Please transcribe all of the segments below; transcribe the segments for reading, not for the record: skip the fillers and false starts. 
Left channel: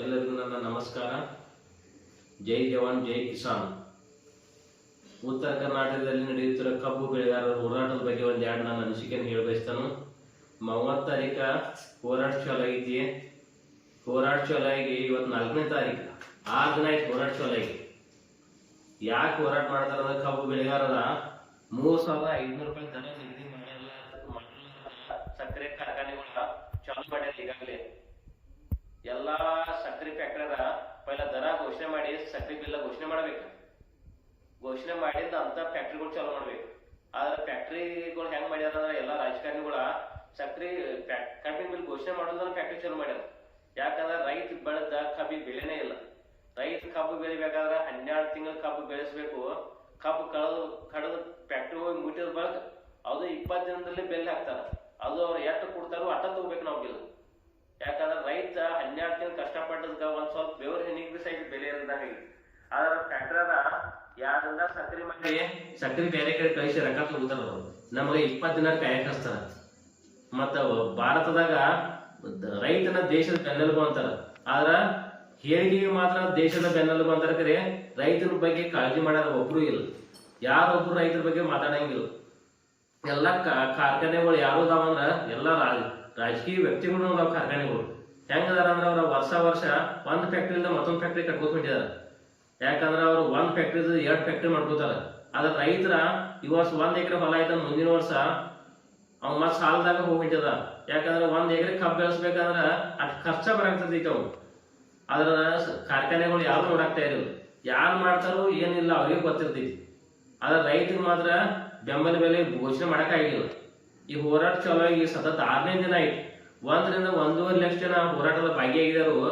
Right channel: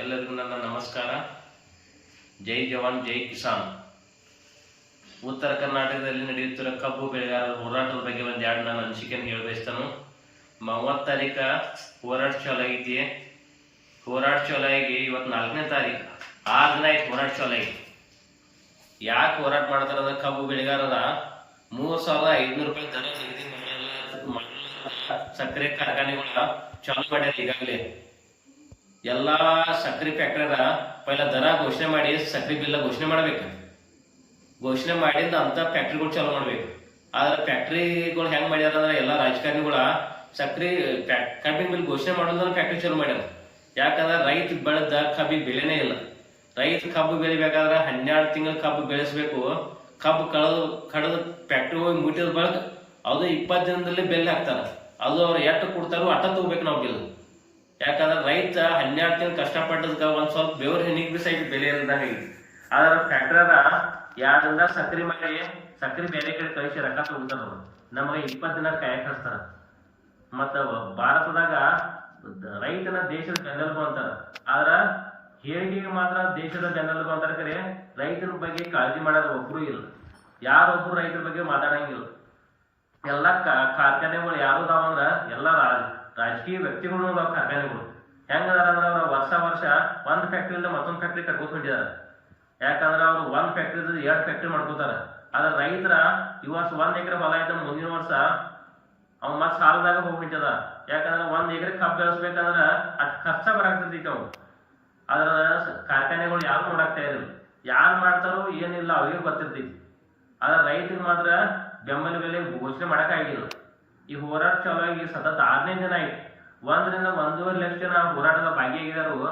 ಎಲ್ಲರಿಗೂ ನನ್ನ ನಮಸ್ಕಾರ. ಜೈ ಜವಾನ್ ಜೈ ಕಿಸಾನ್. ಉತ್ತರ ಕರ್ನಾಟಕದಲ್ಲಿ ನಡೆಯುತ್ತಿರುವ ಕಬ್ಬು ಬೆಳೆಗಾರರ ಹೋರಾಟದ ಬಗ್ಗೆ ಒಂದೆರಡು ನಾನು ಅನಿಸಿಕೆಯನ್ನು ಹೇಳಬಯಸ್ತಾನು. 30 ತಾರೀಕು ಹೋರಾಟ ಚಾಲು ಆಗೈತಿ. ಹೋರಾಟ ಚಾಲು ಆಗಿ ಇವತ್ತು 4ನೇ ತಾರೀಕು, 6 ದಿನ ಆಯ್ತು ಹೋರಾಟ ಚಾಲು ಆಗಿ. ಯಾಕೆ ಹೋರಾಟ ಮಾಡ್ತಾರೆ ಅಂದ್ರೆ ಕಬ್ಬು ಬೆಳೆಗಾರರ 3,500 ರೂಪಾಯಿ ದರ ನಿಗದಿ ಸಕ್ಕರೆ ಕಾರ್ಖಾನೆಗಳ ಚಾಲು ಮಾಡ್ಯಾರ. ಈಗಾಗಲೇ ಎಲ್ಲ ಸಕ್ಕರೆ ಫ್ಯಾಕ್ಟರಿದ ಪೈಲ ದರ ಘೋಷಣೆ ಮಾಡಿ ಸಕ್ಕರೆ ಬಿಲ್ಲ ಘೋಷಣೆ ಮಾಡ್ಬೇಕು. ಘೋಷಣೆ ಮಾಡಿದ ಅಂತ ಫ್ಯಾಕ್ಟ್ರಿಗಳು ಚಾಲು ಮಾಡ್ಬೇಕು. ಆದ್ರೆ ಫ್ಯಾಕ್ಟ್ರಿಗಳು ಹೆಂಗ್ ಮಾಡ್ಯಾರ ಅಂದ್ರೆ ಎಲ್ಲ ರಾಜಕಾರಣಿಗಳ ಸಕ್ಕರೆ ಕಬ್ಬಿನ ಬಿಲ್ ಘೋಷಣೆ ಮಾಡೋದ್ರ ಫ್ಯಾಕ್ಟ್ರಿ ಚಾಲು ಮಾಡ್ಯಾರ. ಯಾಕಂದ್ರೆ ರೈತ ಬೆಳೆದ ಕಬ್ಬಿಗೆ ಬೆಳೆನೇ ಇಲ್ಲ. ರೈತ ಕಬ್ಬು ಬೆಳಿಬೇಕಾದ್ರೆ 12 ತಿಂಗಳು ಕಬ್ಬು ಬೆಳೆಸಬೇಕು. ಕಬ್ಬು ಕಡದ ಫ್ಯಾಕ್ಟ್ರಿ ಹೋಗಿ ಮುಟ್ಟಿದ ಬಳಕ ಅದು 20 ದಿನದಲ್ಲಿ ಬೆಲೆ ಹಾಕ್ತಾರ. ಅದು ಅವ್ರು ಎಷ್ಟು ಕೊಡ್ತಾರೋ ಅಟ್ಟ ತಗೋಬೇಕು ನಾವು ಬಿಲ್. ಯಾಕಂದ್ರೆ ರೈತ 12 ತಿಂಗಳು ಕಷ್ಟಪಟ್ಟದಕ್ಕ ಒಂದ್ ಸ್ವಲ್ಪ ಬೆವ್ರ ಹೆಣ್ಣಿಗೆ ಬಿ ಸೈಡ್ ಬೆಲೆ ಇಲ್ದಂಗ. ಆದ್ರ ಫ್ಯಾಕ್ಟ್ರಿದ 2 ದಿನ ಸಕ್ರಿ ಮಾಡಿ ಸಕ್ರಿ ಬೇರೆ ಕಡೆ ಕಳಿಸಿ ರೊಕ್ಕ ತಗೋತಾರ. ನಮಗೆ 20 ದಿನ ಕಾಯಕ್ ಹಚ್ತಾರ. ಮತ್ತ ಭಾರತದಾಗ ರೈತನ ದೇಶದ ಬೆನ್ನೆಲುಬು ಅಂತಾರ. ಆದ್ರ ಹೇಳಿಕೆಗೆ ಮಾತ್ರ ದೇಶದ ಬೆನ್ನೆಲುಬು ಅಂತಾರ. ಕರೆ ರೈತನ ಬಗ್ಗೆ ಕಾಳಜಿ ಮಾಡೋರು ಒಬ್ರು ಇಲ್ಲ. ಯಾರೊಬ್ರು ರೈತರ ಬಗ್ಗೆ ಮಾತಾಡಂಗಿಲ್ಲ. ಎಲ್ಲ ಕಾರ್ಖಾನೆಗಳು ಯಾರು ಅದಾವ ಅಂದ್ರ ಎಲ್ಲ ರಾಜಕೀಯ ವ್ಯಕ್ತಿಗಳು ಅದಾವ. ಕಾರ್ಖಾನೆಗಳು ಹೆಂಗದಾರ ಅಂದ್ರೆ ಅವ್ರ ವರ್ಷ ಒಂದ್ ಫ್ಯಾಕ್ಟ್ರಿಯಿಂದ ಮತ್ತೊಂದ್ ಫ್ಯಾಕ್ಟ್ರಿ ಕಟ್ಕೋತ ಹೊಂಟಿದಾರ. ಯಾಕಂದ್ರೆ ಅವ್ರು ಒಂದ್ ಫ್ಯಾಕ್ಟ್ರಿ 2 ಫ್ಯಾಕ್ಟ್ರಿ ಮಾಡ್ಕೋತಾರ. ಆದ್ರೆ ರೈತರ ಈ ವರ್ಷ 1 ಎಕರೆ ಹೊಲ ಆಯ್ತ, ಮುಂದಿನ ವರ್ಷ ಅವ್ನ ಮತ್ ಸಾಲದಾಗ ಹೋಗಿಟ್ಟದ. ಯಾಕಂದ್ರೆ 1 ಎಕರೆ ಕಬ್ಬು ಬೆಳೆಸ್ಬೇಕಂದ್ರ ಅಷ್ಟ್ ಖರ್ಚ ಬರಾಕ್ತೈತಿ ಅವ್ನು. ಅದ್ರ ಕಾರ್ಖಾನೆಗಳು ಯಾರು ನೋಡಾಕ್ತಾ ಇರಲಿಲ್ಲ. ಯಾರು ಮಾಡ್ತಾರೋ ಏನಿಲ್ಲ ಅವ್ರಿಗೆ ಗೊತ್ತಿರ್ತೈತಿ. ಆದ್ರೆ ರೈತರಿಗೆ ಮಾತ್ರ ಬೆಂಬಲ ಬೆಲೆ ಘೋಷಣೆ ಮಾಡಕ್ ಆಗಿಲ್ಲ. ಈ ಹೋರಾಟ ಚಾಲು ಆಗಿ ಸತತ 6ನೇ ದಿನ ಆಯ್ತು. 1 ರಿಂದ 1.5 ಲಕ್ಷ ಜನ ಹೋರಾಟದ ಭಾಗಿಯಾಗಿದ್ದಾರು.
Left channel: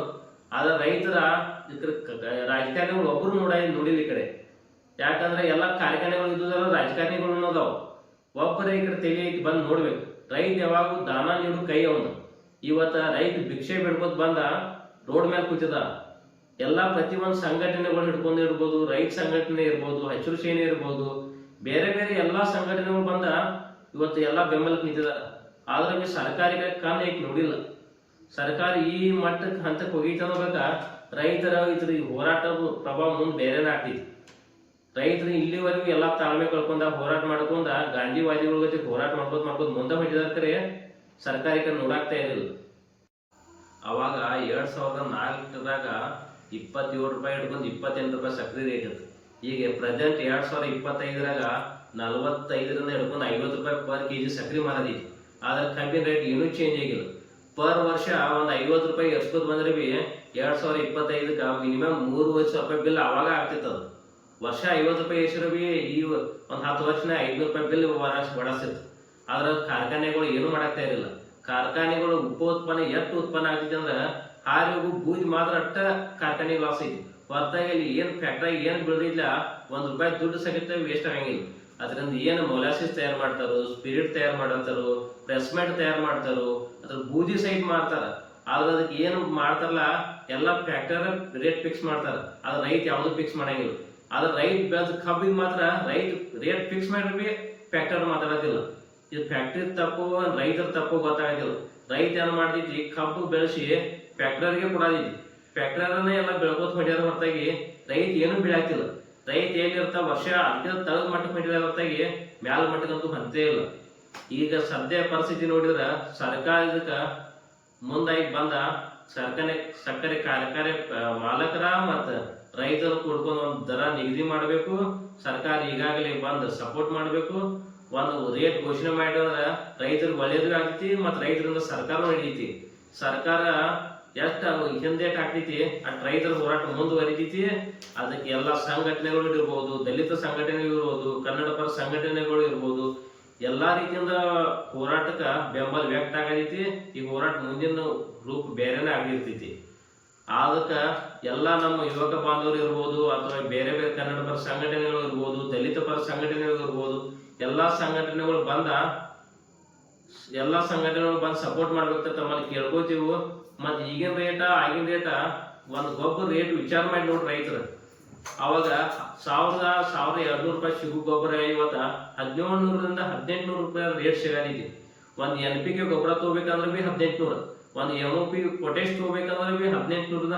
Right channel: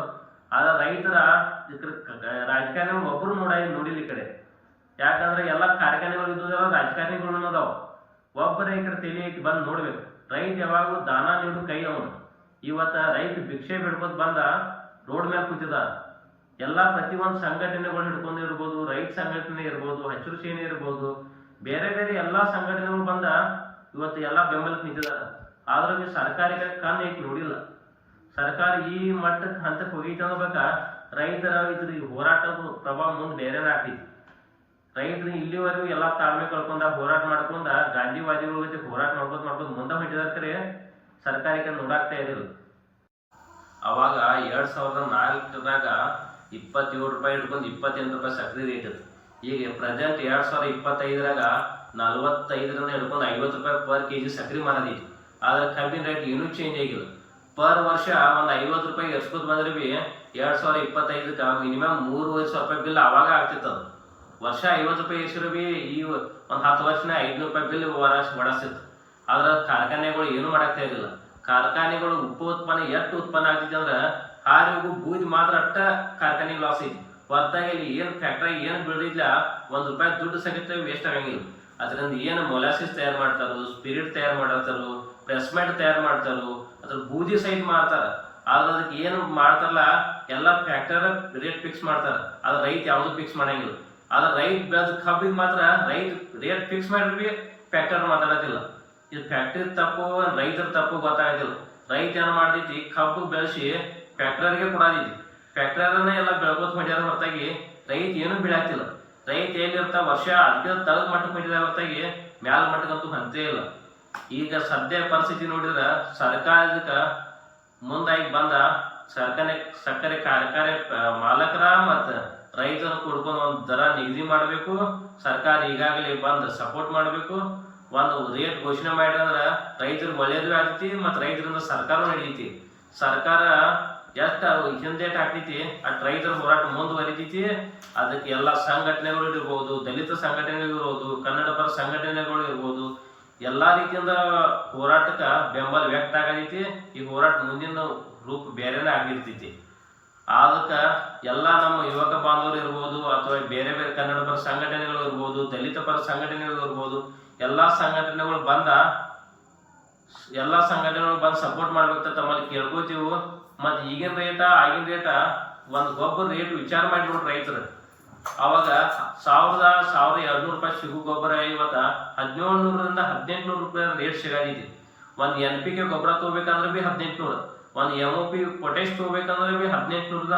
ಆದ್ರೆ ರೈತರ ರಾಜಕಾರಣಿಗಳು ಒಬ್ರು ನೋಡಿಲ್ಲ ಈ ಕಡೆ. ಯಾಕಂದ್ರೆ ಎಲ್ಲ ಕಾರ್ಖಾನೆಗಳು ಇದ್ದುದಲ್ಲ, ರಾಜಕಾರಣಿಗಳು ಅದಾವ. ಒಬ್ಬರ ಈ ಕಡೆ ತೆಗಿ ಐತಿ ಬಂದು ನೋಡ್ಬೇಕು. ರೈತ ಯಾವಾಗೂ ದಾನ ನೀಡು ಕೈ ಅವನು. ಇವತ್ತ ರೈತ ಭಿಕ್ಷೆ ಬಿಡ್ಕೋತ್ ಬಂದ ರೋಡ್ ಮೇಲೆ ಕೂತಿದ. ಎಲ್ಲ ಪ್ರತಿಯೊಂದು ಸಂಘಟನೆಗಳು ಹಿಡ್ಕೊಂಡಿರ್ಬೋದು, ರೈತ ಸಂಘಟನೆ ಇರ್ಬೋದು, ಹಸಿರು ಸೇನೆ ಇರ್ಬೋದು, ಬೇರೆ ಬೇರೆ ಎಲ್ಲಾ ಸಂಘಟನೆಗಳು ಬಂದ ಇವತ್ತು ಎಲ್ಲ ಬೆಂಬಲಕ್ಕೆ ನಿಂತಿದಾರ. ಆದ್ರೆ ನೀವು ಸರ್ಕಾರಿಗೆ ಕಣ್ಣು ಐತಿ ನೋಡಿಲ್ಲ. ಸರ್ಕಾರ ಈ ಮಟ್ಟಕ್ಕೆ ಹಂತಕ್ಕೆ ಹೋಗಿತ್ತನ್ಬೇಕ. ರೈತರ ಹೋರಾಟ ಪ್ರಭಾವ ಮುಂದೆ ಬೇರೆನೇ ಆಗ್ತೈತಿ. ರೈತರು ಇಲ್ಲಿವರೆಗೂ ಎಲ್ಲಾ ತಾಳ್ಮೆ ಕಳ್ಕೊಂಡ ಹೋರಾಟ ಮಾಡ್ಕೊಂಡ ಗಾಂಧಿವಾದಿಗಳ ಜೊತೆ ಹೋರಾಟ ಮಾಡ್ಕೋತ ಮುಂದೆ ಹೊಂಟಿದಾರ. ಕರೆ ಸರ್ಕಾರಕ್ಕೆ ನೋಡಾಕ್ತಾ ಇರಲಿಲ್ಲ. ಅವಾಗ 2004ದಾಗ 27 ರೂಪಾಯಿ ಹಿಡ್ಕೊಂಡು 28 ರೂಪಾಯಿ ಸಕ್ರೆ ರೇಟ್ ಇತ್ತು. ಈಗ ಪ್ರೆಸೆಂಟ್ 2025ರಾಗ 45 ರಿಂದ ಹಿಡ್ಕೊಂಡು 50 ರೂಪಾಯಿ ಪರ್ ಕೆಜಿ ಸಕ್ರೆ ಮಾರದೈತಿ. ಆದ್ರೆ ಕಬ್ಬಿನ ರೇಟ್ ಏನೂ ಚೇಂಜ್ ಆಗಿಲ್ಲ. ಪರ್ ವರ್ಷ ಒಂದು 50 ರೂಪಾಯಿ ಎರ್ಸ್ಕೋತ ಬಂದ್ರೆ ಬಿ 2025ಕ್ಕೆ ಮಿನಿಮಮ್ 3,500 ರೂಪಾಯಿ ಬಿಲ್ ಅವಾಗ ಆಗ್ತಿತ್ತು. ವರ್ಷ 50 ರೂಪಾಯಿ ಎಷ್ಟಿರೋ ಬಿ ಈ ಒಂದು 10 ವರ್ಷನ 500 ರೂಪಾಯಿ ಬಿಲ್ ಬಡಸ್ತಿತ್ತು. ಆದ್ರೆ ಕಾರ್ಖಾನೆಗಳು ಏನು ಮಾಡಾಕ್ತಾ ಇರಲಿಲ್ಲ. ಕಾರ್ಖಾನೆಗಳು ಉತ್ಪನ್ನ ಎಷ್ಟು ಉತ್ಪನ್ನ ಆಗ್ತೈತಿ ಅಂದ್ರೆ ಹಾರಿಗೂ ಬೂದಿ ಮಾತ್ರ ಅಟ್ಟ ಕಾರ್ಖಾನೆಗೆ ಲಾಸ್ ಐತಿ. ಹೊರತಾಗಿ ಇಲ್ಲಿ ಏನು ಫ್ಯಾಕ್ಟ್ರಿ ಏನು ಬೆಳೆದಿಲ್ಲ, 1 ರೂಪಾಯಿ ದುಡ್ಡು ಸಹಿತ ವೇಸ್ಟ್ ಆಗಂಗಿಲ್ಲ. ಅದರಿಂದ ಏನು ಮೊಲಾಸಿಸ್ ತಯಾರು ಮಾಡ್ತಾರೋ, ಸ್ಪಿರಿಟ್ ತಯಾರು ಮಾಡತ್ತಾರೋ, ಪ್ರೆಸ್ಮೆಂಟ್ ತಯಾರು ಮಾಡ್ತಾರೋ, ಅದ್ರ ಬೂದಿ ಸಹಿತ ಮಾಡ್ತಾರ. ಆದ್ರೆ ಅದಕ್ಕೆ ಏನು ಮಾಡ್ತಾರಲ್ಲ ಎಲ್ಲ ಫ್ಯಾಕ್ಟರಿ ರೇಟ್ ಫಿಕ್ಸ್ ಮಾಡ್ತಾರ. ಆದ್ರೆ ರೈತ ಯಾವ್ದು ಫಿಕ್ಸ್ ಮಾಡಂಗಿಲ್ಲ. ಆದ್ರೆ ರೈತ ಬೆಳೆದ ಕಬ್ಬಿಗೆ ಮಾತ್ರ ರೈತ ರೇಟ್ ಫಿಕ್ಸ್ ಮಾಡ್ರಿ ಫ್ಯಾಕ್ಟರಿ ಮಾತಾಡೋದಿಲ್ಲ. ಇದು ಫ್ಯಾಕ್ಟ್ರಿ ತಪ್ಪು ರೈತರ ತಪ್ಪು ಗೊತ್ತಾಗೋದಿಲ್ಲ. ರೈತ ಏನು ಮಾಡ್ತೈತಿ, ಕಬ್ಬು ಬೆಳೆಸಿ ಫ್ಯಾಕ್ಟರಿಗೆ ಕೊಡೋದೈತಿ. ಫ್ಯಾಕ್ಟರಿನೇ ಎಲ್ಲ ಬೆಳ್ಕೋತ ಹೊಡ್ಯಾರ. ಹೊರತಾಗಿ ರೈತ ಏನು ಬೀಳಾಕ್ತಿಲ್ಲ. ರೈತ ಎಲ್ಲಿರ್ತಾ ವರ್ಷ ಅದಕ್ಕೆ ತಳದ ಮಟ್ಟಕ್ಕೆ ಹೊಂಟಿದ ಹೊರತಾಗಿ ಮ್ಯಾಲ ಮಟ್ಟಕ್ಕಂತೂ ಹಂತೇ ಇಲ್ಲ. ಈಗ ಸದ್ಯ ಪರಿಸ್ಥಿತಿ ನೋಡಿದ್ರೆ ಸರ್ಕಾರದಕ್ಕ ಮುಂದಾಗಿ ಬಂದ ಸಕ್ಕರೆ ಕಾರ್ಖಾನೆ ಮಾಲಕರ ಮತ್ತು ರೈತರು ಕೂಡ್ಕೊಂಡು ಒಂದು ದರ ನಿಗದಿ ಮಾಡಬೇಕು. ಸರ್ಕಾರ ಈಗಾಗಲೇ ಬಂದು ಸಪೋರ್ಟ್ ಮಾಡಬೇಕು. ಒಂದು ರೇಟ್ ಘೋಷಣೆ ಮಾಡಿದ್ರೆ ರೈತರಿಗೆ ಒಳ್ಳೇದು ಆಗ್ತೈತಿ ಮತ್ತು ರೈತರಿಂದ ಸರ್ಕಾರ ನಡೀತಿ. ಸರ್ಕಾರ ಎಷ್ಟು ಹಿಂದೇಟ್ ಆಗ್ತೈತಿ ಅಟ್ ರೈತರ ಹೋರಾಟ ಮುಂದುವರಿತೈತಿ. ಅದಕ್ಕೆ ಎಲ್ಲ ಸಂಘಟನೆಗಳು ಇರ್ಬೋದು, ದಲಿತ ಸಂಘಟನೆಗಳು ಇರ್ಬೋದು, ಕನ್ನಡ ಪರ ಸಂಘಟನೆಗಳು ಇರ್ಬೋದು, ಎಲ್ಲಾ ರೀತಿಯಿಂದ ಹೋರಾಟಕ್ಕೆ ಬೆಂಬಲ ವ್ಯಕ್ತ ಆಗತೈತಿ. ಈ ಹೋರಾಟ ಮುಂದಿನ ರೂಪ ಬೇರೆನೇ ಆಗಿರ್ತೈತಿ. ಅದಕ್ಕೆ ಎಲ್ಲ ನಮ್ಮ ಯುವಕ ಬಾಂಧವರು ಇರ್ಬೋದು, ಅಥವಾ ಬೇರೆ ಬೇರೆ ಕನ್ನಡ ಪರ ಸಂಘಟನೆಗಳು ಇರ್ಬೋದು, ದಲಿತ ಪರ ಸಂಘಟನೆಗಳು ಇರ್ಬೋದು, ಎಲ್ಲಾ ಸಂಘಟನೆಗಳು ಬಂದು ಸಪೋರ್ಟ್ ಮಾಡ್ಬೇಕಂತ ತಮ್ಮಲ್ಲಿ ಕೇಳ್ಕೊತೀವಿ. ಮತ್ತು ಈಗಿನ ರೇಟ ಆಗಿನ ರೇಟ ಒಂದು ಗೊಬ್ಬರ ರೇಟ್ ವಿಚಾರ ಮಾಡಿ ನೋಡ್ರಿ ರೈತರು. ಅವಾಗ 1,200 ರೂಪಾಯಿ ಸಿಗು ಗೊಬ್ಬರ ಇವತ್ತ 1,700 ರಿಂದ 1,800 ರೂಪಾಯಿ ರೇಟ್ ಸಿಗಲಿದೆ. ಒಂದು NPK ಗೊಬ್ಬರ ತಗೋಬೇಕಂದ್ರೆ ಬಿ 1,800. ಒಂದು MOP ಪೊಟೇಶ್ ತಗೋಬೇಕಂದ್ರೆ 1850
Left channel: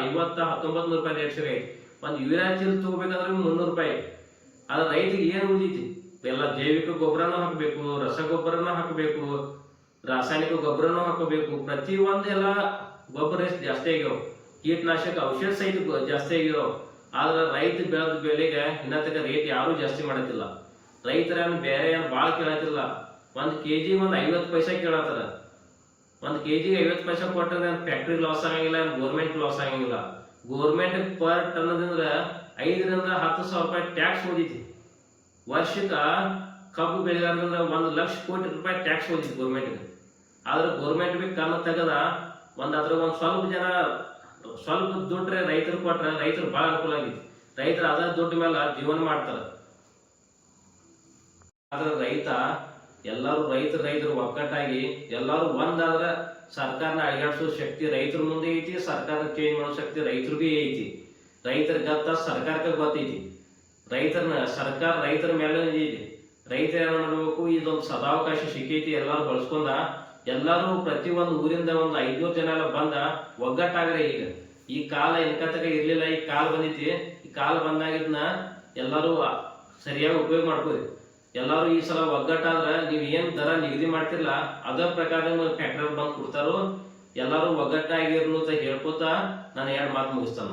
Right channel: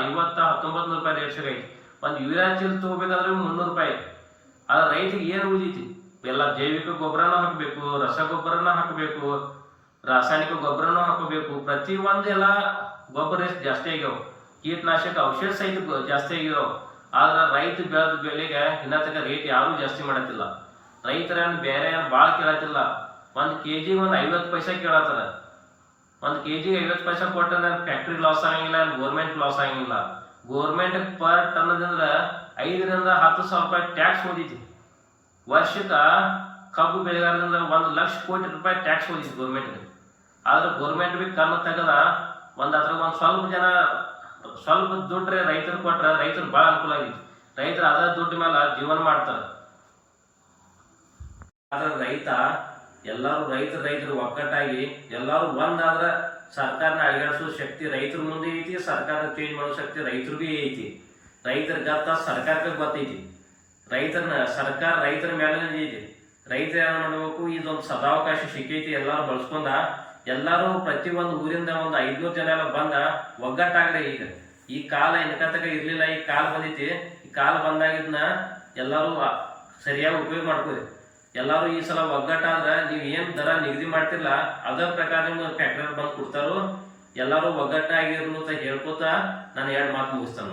1900 ರೂಪಾಯಿ ರೇಟ್ ಐತಿ. ಒಂದು ಯೂರಿಯಾ ಚೀಲ ತಗೋಬೇಕಂದ್ರೆ 300 ರೂಪಾಯಿ. ಆದ್ರೆ ರೈತರಿಗೆ ಏನು ಉಳಿದೈತಿ? ಎಲ್ಲ ಜೈವಿಕ ಗೊಬ್ಬರನ ಹಾಕಬೇಕು, ರಸಗೊಬ್ಬರನ ಹಾಕಬೇಕು, ರಾಸಾಯನಿಕ ಗೊಬ್ಬರನೂ ಹಾಕೋಬೇಕು. ಪ್ರತಿ ಒಂದೆಲ್ಲ ಗೊಬ್ಬರ ಎಷ್ಟು ಜಾಸ್ತಿ ಆಗ್ಯಾವ, ಕೀಟನಾಶಕ ಔಷಧ ಸಹಿತ ಜಾಸ್ತಿ ಆಗಿರೋ. ಆದ್ರೆ ರೈತ ಬೆಳೆದ ಬೆಲೆಗೆ ಇನ್ನ ತನಕ ರೇಟ್ ಯಾರು ಜಾಸ್ತಿ ಮಾಡತ್ತಿಲ್ಲ. ರೈತರನ್ನು ಬೇರೆ ಭಾಳ ಕೇಳತ್ತಿಲ್ಲ. 1 kg ಒಂದು 50 ಪೈಸೆ ಕೇಳತ್ತಾರ. 1 kg 50 ಪೈಸೆ ಕೊಟ್ಟರೆ ಫ್ಯಾಕ್ಟ್ರಿ ಲಾಸ್ ಆಗಂಗಿಲ್ಲ, ಗೋರ್ಮೆಂಟ್ ಲಾಸ್ ಆಗಂಗಿಲ್ಲ. ಗೋರ್ಮೆಂಟ್ ಪರ್ ಟನ್ನದಿಂದ 5 ರಿಂದ 10 ಸಾವಿರ ರೂಪಾಯಿ ಟ್ಯಾಕ್ಸ್ ಓದಿತಿ. ವರ್ಷಕ್ಕೆ ಕಬ್ಬು ಬೆಳೆಗಾರದಿಂದ 1 ಲಕ್ಷ ಕೋಟಿ ರೂಪಾಯಿ ಟ್ಯಾಕ್ಸ್ ಓದಿತಿ ಗೋರ್ಮೆಂಟ್ಗೆ. ಆದ್ರೆ ಗೋರ್ಮೆಂಟ್ ಬಿ ಕಣ್ಣು ತೆಗದ ಅದ್ರ ಸ್ವಲ್ಪ ಜನ ಸ್ವಲ್ಪ ದುಡ್ಡು ರೈತರು ಕೊಟ್ರೆ ರೈತರು ಭಾಳ ಅನುಕೂಲ ಆಗೈತಿ. ರೈತರು ಅದ ದುಡ್ಡು ಮೇಲೆ ಜೀವನ ಮಾಡ್ತಾರೆ. ಆದ್ರೆ ರೈತ ಎಲ್ಲರೂ ರೈತರು ಒಕ್ಕಟ್ಟಾಗಿ ಎಲ್ಲರೂ ಒಂದಾದ್ರೆ ಸರ್ಕಾರನ ಅಳಿಗಾಡಿಸೋ ಶಕ್ತಿ ರೈತರ ಮುಂದೆ ಐತಿ. ಸರ್ಕಾರ ಚೇಂಜ್ ಮಾಡೋ ಶಕ್ತಿ ರೈತರಿಗೂ ಐತಿ. ರೈತರ ಗತ್ತ ಸರ್ಕಾರಕ್ಕೆ ಗೊತ್ತೈತಿ. ಸರ್ಕಾರ ರೈತರ ಮೇಲೆ ಐತಿ. ರೈತ ಏನ್ ಮಾಡಬೇಕು? ಇದೊಂದು ಸದಾವಕಾಶ ಸಿಕ್ಕೈತಿ, ಎಲ್ಲರೂ ಬಳಸ್ಕೊಂಡ ಎಲ್ಲರೂ ಪ್ರತಿಯೊಂದು ಊರಿಂದ 500 ಜನ ಎಲ್ಲ ಬಂದ ಒಗ್ಗಟ್ಟಾಗ್ರೆ. ಈಗ ಈ ಕಾಲ ಇನ್ಕತಕ ಇರ್ಲಿಲ್ಲ, ಈ ಕಾಲ ಬಂದೈತಿ. ಈ ಕಾಲ ಬಂದಾಗಿದ್ನ ಎಲ್ಲರೂ ಸರಿಯಾಗಿ ಉಪಯೋಗ ಮಾಡ್ಕೋರಿ. ಎಲ್ಲರೂ ಈ ಸಲ ಒಗ್ಗಟ್ಟಾದ್ರೆ ನೀವು ಏನ್ ದರ ನಿಗದಿ ಮಾಡ್ತಿಲ್ಲ ಅದ್ರ ಪ್ರಕಾರ ನಿಮ್ಗೆ ಫ್ಯಾಕ್ಟರಿ ಬಂದು ಕೊಡ್ತಾರೋ. ಎಲ್ಲರೂ ಒಗ್ಗಟ್ಟಾಗಿರ್ಲು ಅಂತ ಹೇಳ್ಕೊತ ನಾನು 2 ಮಾತು ಮುಗಿಸ್ತಾನ.